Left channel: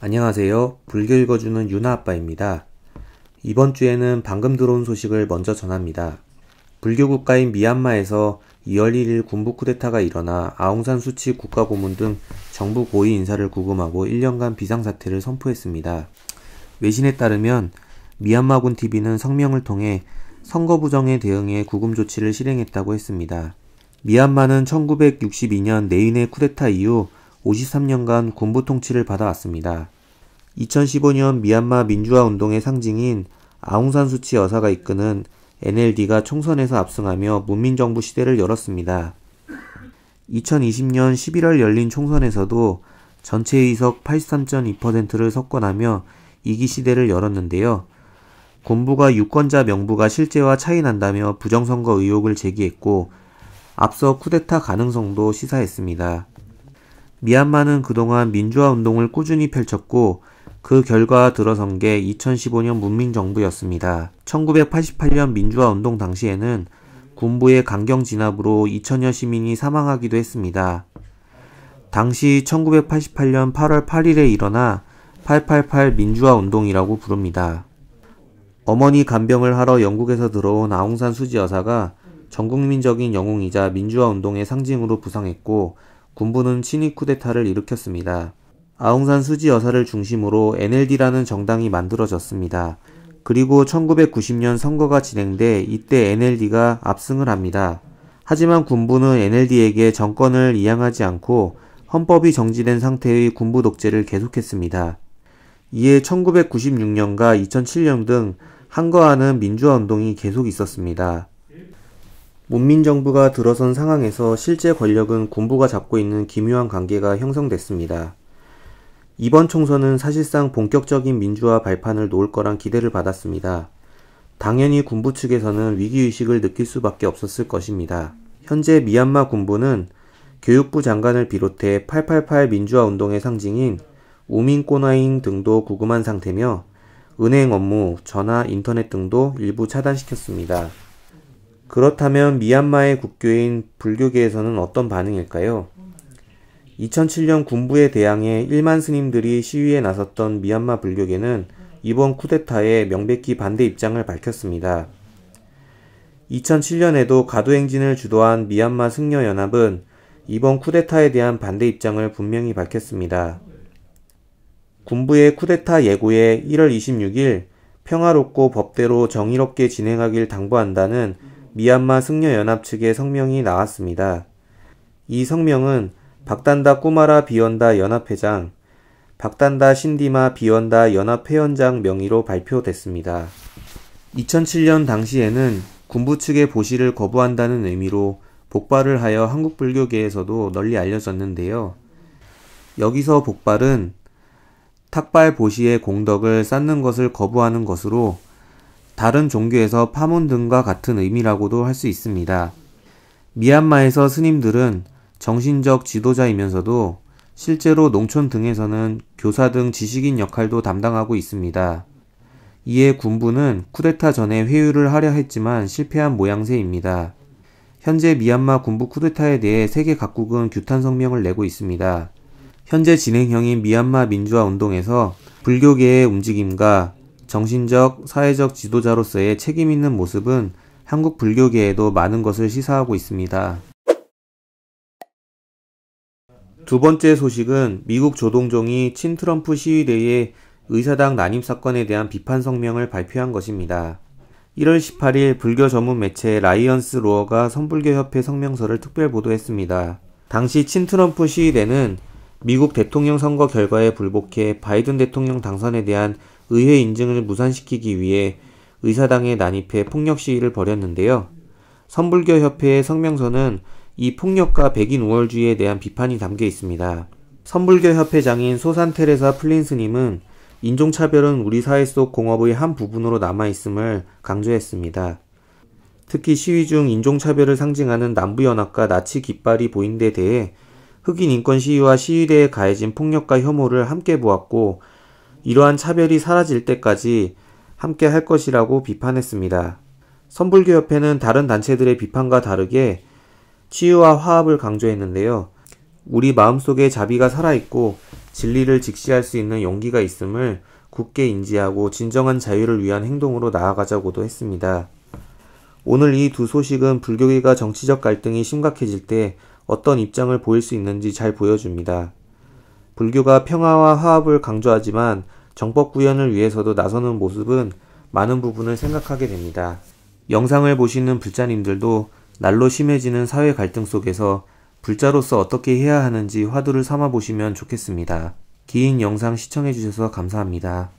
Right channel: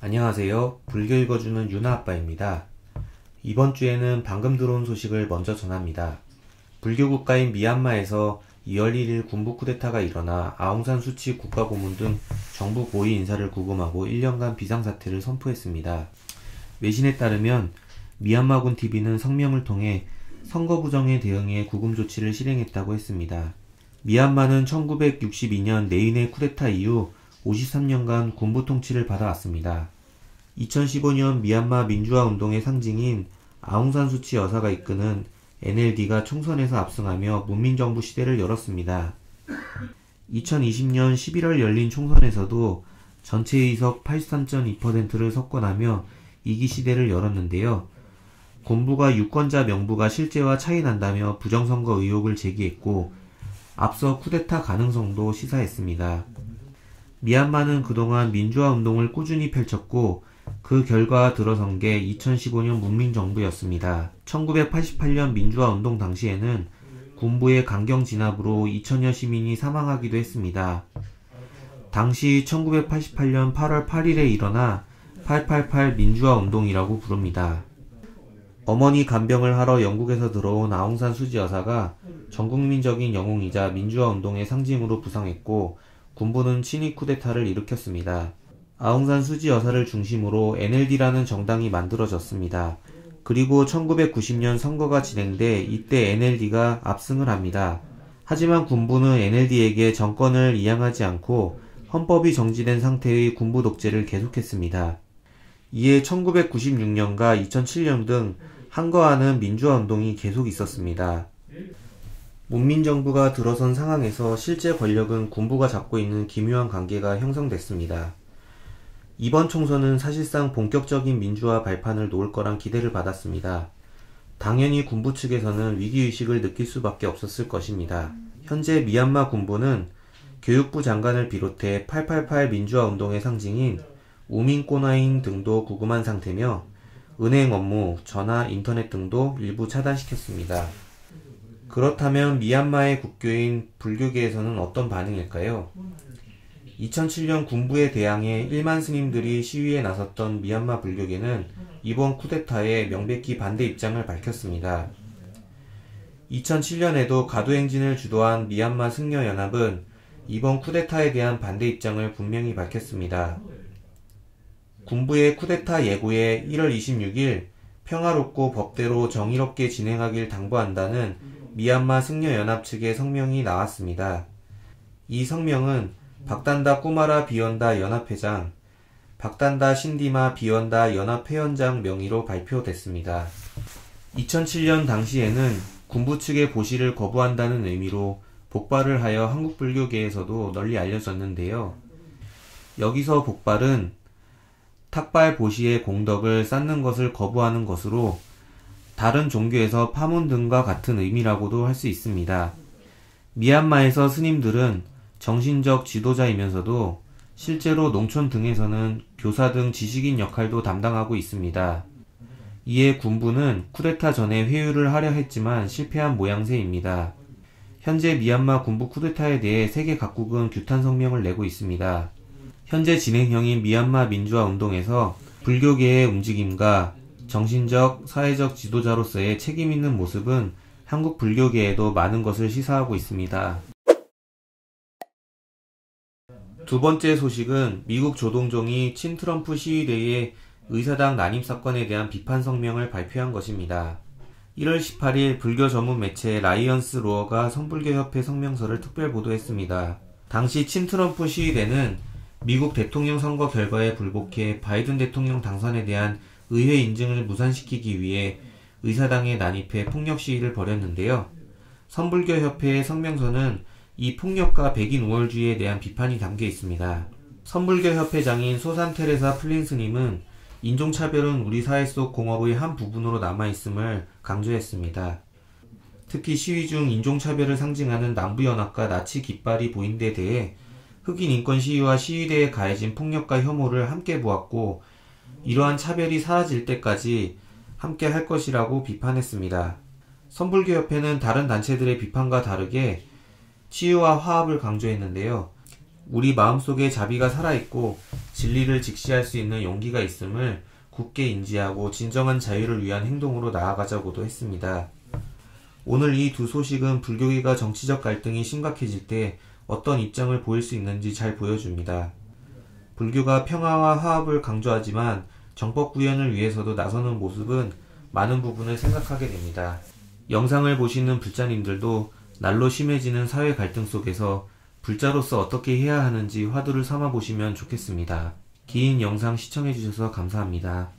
안녕하세요. 불교 읽어주는 유나 아빠입니다. 이번 주에는 방금 들어온 소식을 먼저 전합니다. 불교 국가인 미얀마에서 2월 1일 군부 쿠데타가 일어나 아웅산 수치 국가고문 등 정부 고위 인사를 구금하고 1년간 비상사태를 선포했습니다. 외신에 따르면 미얀마군 TV는 성명을 통해 선거 부정에 대응해 구금 조치를 실행했다고 했습니다. 미얀마는 1962년 내인의 쿠데타 이후 53년간 군부 통치를 받아왔습니다. 2015년 미얀마 민주화 운동의 상징인 아웅산 수치 여사가 이끄는 NLD가 총선에서 압승하며 문민정부 시대를 열었습니다. 2020년 11월 열린 총선에서도 전체 의석 83.2%를 석권하며 2기 시대를 열었는데요. 군부가 유권자 명부가 실제와 차이 난다며 부정선거 의혹을 제기했고 앞서 쿠데타 가능성도 시사했습니다. 미얀마는 그동안 민주화 운동을 꾸준히 펼쳤고 그 결과 들어선 게 2015년 문민정부였습니다. 1988년 민주화 운동 당시에는 군부의 강경 진압으로 2천여 시민이 사망하기도 했습니다. 당시 1988년 8월 8일에 일어나 888 민주화 운동이라고 부릅니다. 어머니 간병을 하러 영국에서 들어온 아웅산 수지 여사가 전국민적인 영웅이자 민주화 운동의 상징으로 부상했고 군부는 친위 쿠데타를 일으켰습니다. 아웅산 수지 여사를 중심으로 NLD라는 정당이 만들어졌습니다. 그리고 1990년 선거가 진행돼 이때 NLD가 압승을 합니다. 하지만 군부는 NLD에게 정권을 이양하지 않고 헌법이 정지된 상태의 군부 독재를 계속했습니다. 이에 1996년과 2007년 등 한거하는 민주화 운동이 계속 있었습니다. 문민정부가 들어선 상황에서 실제 권력은 군부가 잡고 있는 기묘한 관계가 형성됐습니다. 이번 총선은 사실상 본격적인 민주화 발판을 놓을 거란 기대를 받았습니다. 당연히 군부 측에서는 위기의식을 느낄 수밖에 없었을 것입니다. 현재 미얀마 군부는 교육부 장관을 비롯해 888 민주화 운동의 상징인 우민 꼬나인 등도 구금한 상태며 은행 업무, 전화, 인터넷 등도 일부 차단시켰습니다. 그렇다면 미얀마의 국교인 불교계에서는 어떤 반응일까요? 2007년 군부에 대항해 1만 스님들이 시위에 나섰던 미얀마 불교계는 이번 쿠데타에 명백히 반대 입장을 밝혔습니다. 2007년에도 가도행진을 주도한 미얀마 승려연합은 이번 쿠데타에 대한 반대 입장을 분명히 밝혔습니다. 군부의 쿠데타 예고에 1월 26일 평화롭고 법대로 정의롭게 진행하길 당부한다는 미얀마 승려연합 측의 성명이 나왔습니다. 이 성명은 박단다 꾸마라 비원다 연합회장, 박단다 신디마 비원다 연합회원장 명의로 발표됐습니다. 2007년 당시에는 군부 측의 보시를 거부한다는 의미로 복발을 하여 한국 불교계에서도 널리 알려졌는데요. 여기서 복발은 탁발 보시의 공덕을 쌓는 것을 거부하는 것으로 다른 종교에서 파문 등과 같은 의미라고도 할 수 있습니다. 미얀마에서 스님들은 정신적 지도자이면서도 실제로 농촌 등에서는 교사 등 지식인 역할도 담당하고 있습니다. 이에 군부는 쿠데타 전에 회유를 하려 했지만 실패한 모양새입니다. 현재 미얀마 군부 쿠데타에 대해 세계 각국은 규탄 성명을 내고 있습니다. 현재 진행형인 미얀마 민주화 운동에서 불교계의 움직임과 정신적, 사회적 지도자로서의 책임있는 모습은 한국 불교계에도 많은 것을 시사하고 있습니다. 두 번째 소식은 미국 조동종이 친트럼프 시위대의 의사당 난임 사건에 대한 비판 성명을 발표한 것입니다. 1월 18일 불교 전문 매체 라이언스 로어가 선불교협회 성명서를 특별 보도했습니다. 당시 친트럼프 시위대는 미국 대통령 선거 결과에 불복해 바이든 대통령 당선에 대한 의회 인증을 무산시키기 위해 의사당에 난입해 폭력 시위를 벌였는데요. 선불교협회의 성명서는 이 폭력과 백인 우월주의에 대한 비판이 담겨 있습니다. 선불교협회장인 소산 테레사 플린 스님은 인종차별은 우리 사회 속 공업의 한 부분으로 남아있음을 강조했습니다. 특히 시위 중 인종차별을 상징하는 남부연합과 나치 깃발이 보인 데 대해 흑인 인권 시위와 시위대에 가해진 폭력과 혐오를 함께 보았고 이러한 차별이 사라질 때까지 함께 할 것이라고 비판했습니다. 선불교협회는 다른 단체들의 비판과 다르게 치유와 화합을 강조했는데요. 우리 마음속에 자비가 살아있고 진리를 직시할 수 있는 용기가 있음을 굳게 인지하고 진정한 자유를 위한 행동으로 나아가자고도 했습니다. 오늘 이 두 소식은 불교계가 정치적 갈등이 심각해질 때 어떤 입장을 보일 수 있는지 잘 보여줍니다. 불교가 평화와 화합을 강조하지만 정법 구현을 위해서도 나서는 모습은 많은 부분을 생각하게 됩니다. 영상을 보시는 불자님들도 날로 심해지는 사회 갈등 속에서 불자로서 어떻게 해야 하는지 화두를 삼아 보시면 좋겠습니다. 긴 영상 시청해주셔서 감사합니다.